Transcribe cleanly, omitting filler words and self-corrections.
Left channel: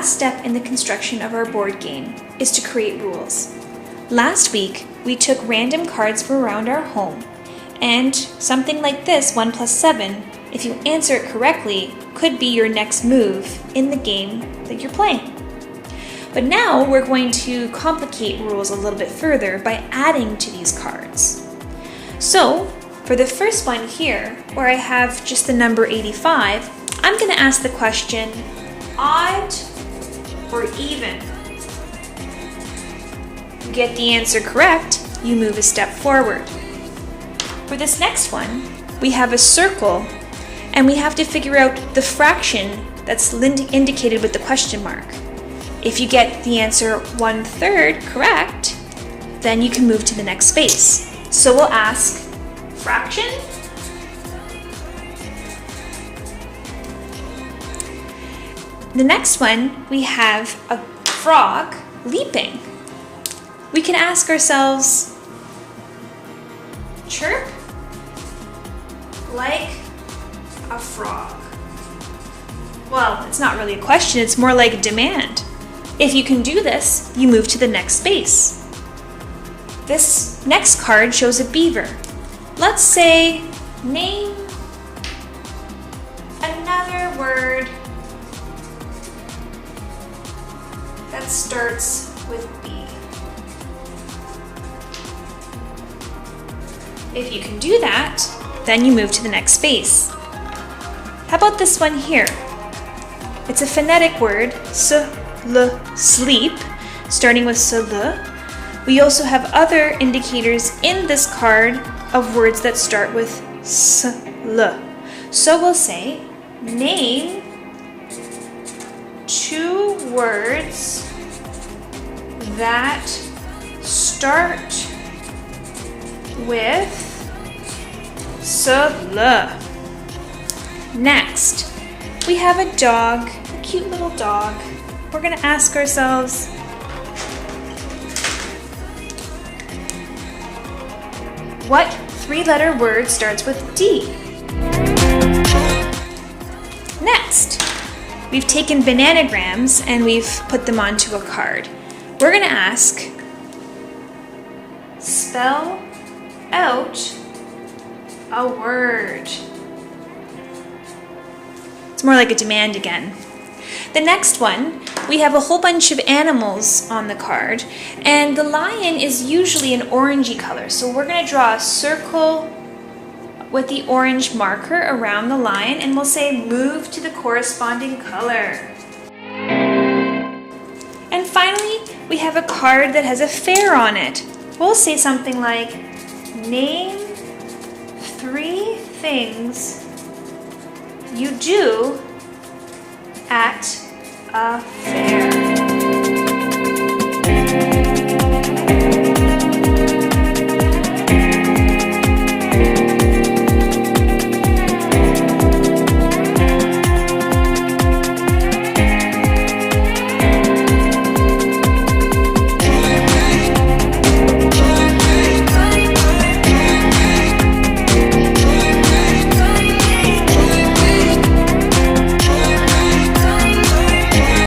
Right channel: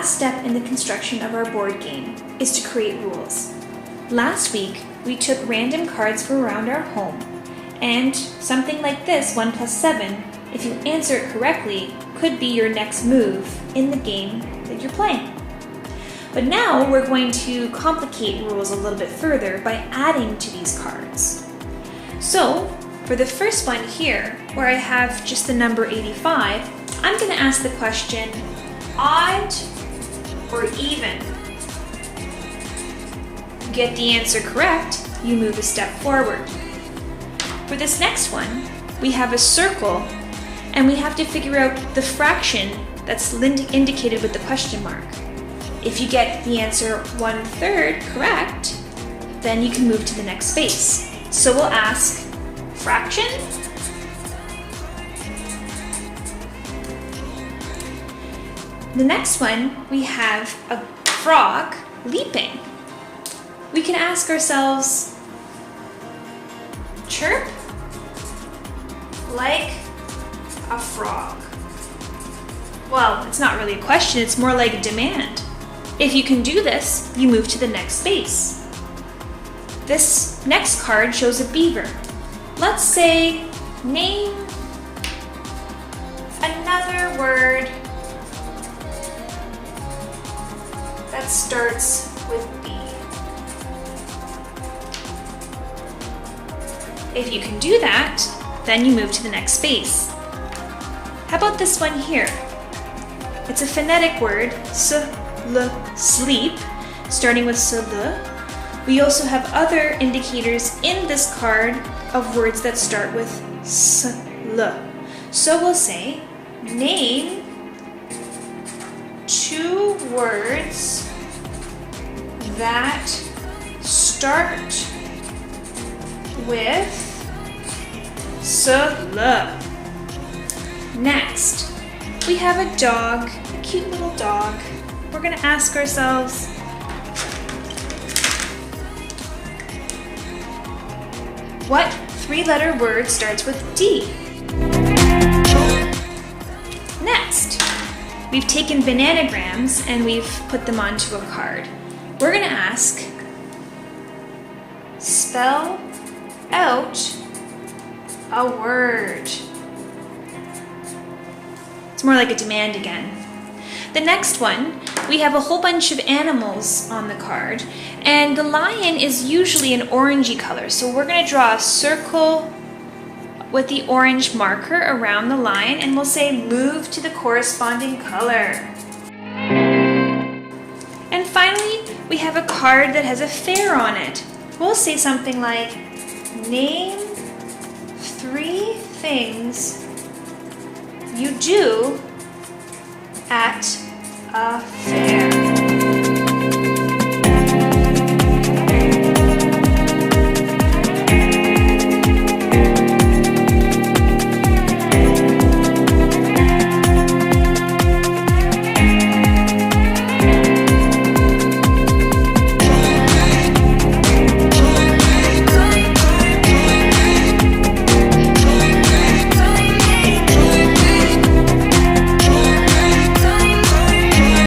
last step in the construction of our board game is to create rules. Last week, we took random cards from around our home, and something like this, 1 plus 7, if you answer it correctly, could be your next move in the game that you're playing. But now we're going to complicate rules a little bit further by adding to these cards. So, for the first one here, where I have just the number 85, I'm going to ask the question, odd or even? Get the answer correct, you move a step forward. For this next one, we have a circle, and we have to figure out the fraction that's indicated with the question mark. If you get the answer 1/3 correct, then you can move to the next space. So we'll ask, fraction? The next one, we have a frog leaping. We can ask ourselves, chirp like a frog. Well, it's not really a question, it's more like a demand. If you can do this, you move to the next space. This next card shows a beaver. Let's say, name another word that starts with B. If you can do that, then you move to the next space. How about this one here? It's a phonetic word, sleep, starting with le. We also have other indicators in this card of words that start with le. So we'll say, name 2 words that start with le. Next, we have a dog, a cute little dog. We're going to ask ourselves, what 3-letter word starts with D? Next, we've taken bananagrams and we've put them onto a card. We're going to ask, spell out a word. It's more like a demand again. The next one, we have a whole bunch of animals on the card, and the lion is usually an orangey color, so we're going to draw a circle with the orange marker around the lion, and we'll say move to the corresponding color. And finally, we have a card that has a fair on it. We'll say something like, name 3 things you do at a fair.